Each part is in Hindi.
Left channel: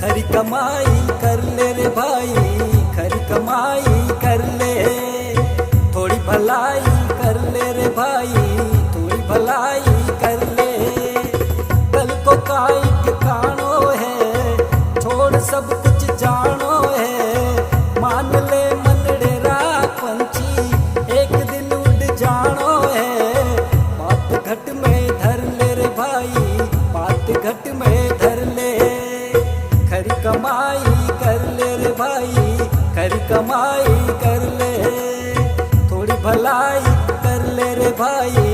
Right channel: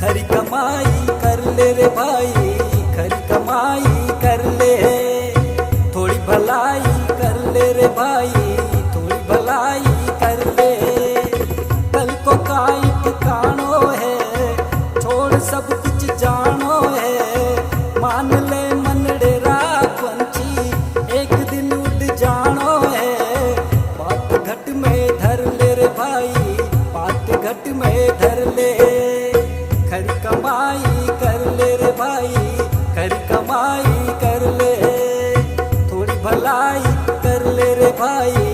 खरी कमाई कर ले रे भाई, खरी कमाई कर ले, थोड़ी भलाई कर ले रे भाई, थोड़ी भलाई कर ले। कल को काई ठिकानो है, छोड़ सब कुछ जानो है। मान ले मनडेरा पंछी, एक दिन उड़ जानो है। बात घट में धर ले रे भाई, बात घट में धर ले। खरी कमाई कर ले रे भाई, खरी कमाई कर ले, थोड़ी भलाई कर ले रे भाई,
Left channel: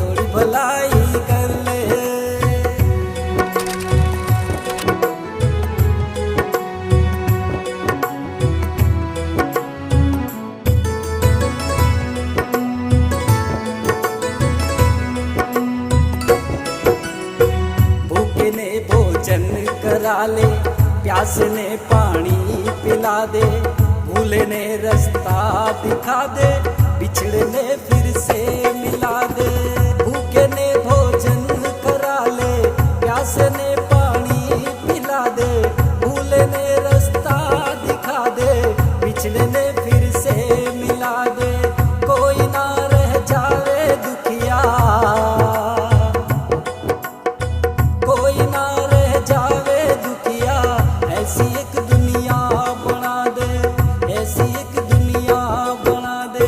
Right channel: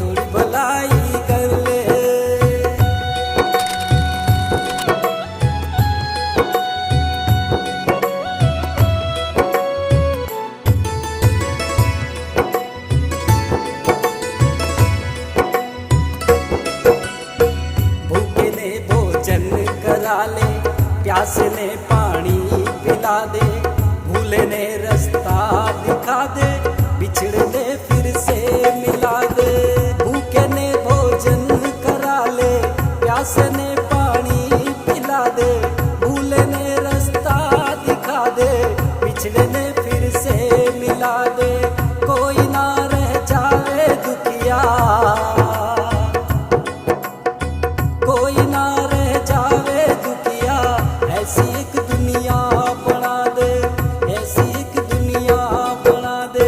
थोड़ी भलाई कर ले। भूखे ने भोजन करा ले, प्यास ने पानी पिला दे, भूले ने रास्ता दिखा दे, बिछड़े ने फिर से मिला दे। भूखे ने भोजन करा ले, प्यास ने पानी पिला दे, भूले ने रास्ता दिखा दे, बिछड़े ने फिर से मिला दे। कोई ना रह जावे दुखिया, कोई ना रह जावे दुखिया, ऐसी एक दुनिया बना दे, ऐसी एक दुनिया बना दे।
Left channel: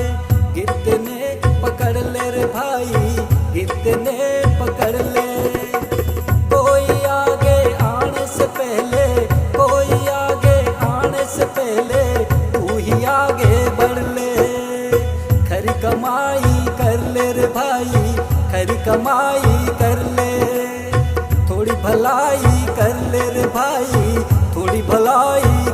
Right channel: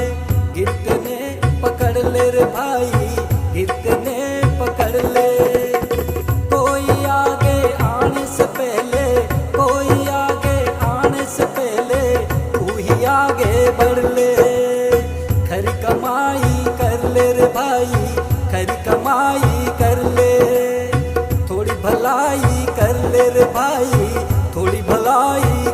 गिरते ने पकड़ ले रे भाई, गिरते ने पकड़ ले। कोई आगे आने से पहले, कोई आगे आने से पहले, तू ही आगे बढ़ ले। खरी कमाई कर ले रे भाई, खरी कमाई कर ले, थोड़ी भलाई कर ले रे भाई, थोड़ी भलाई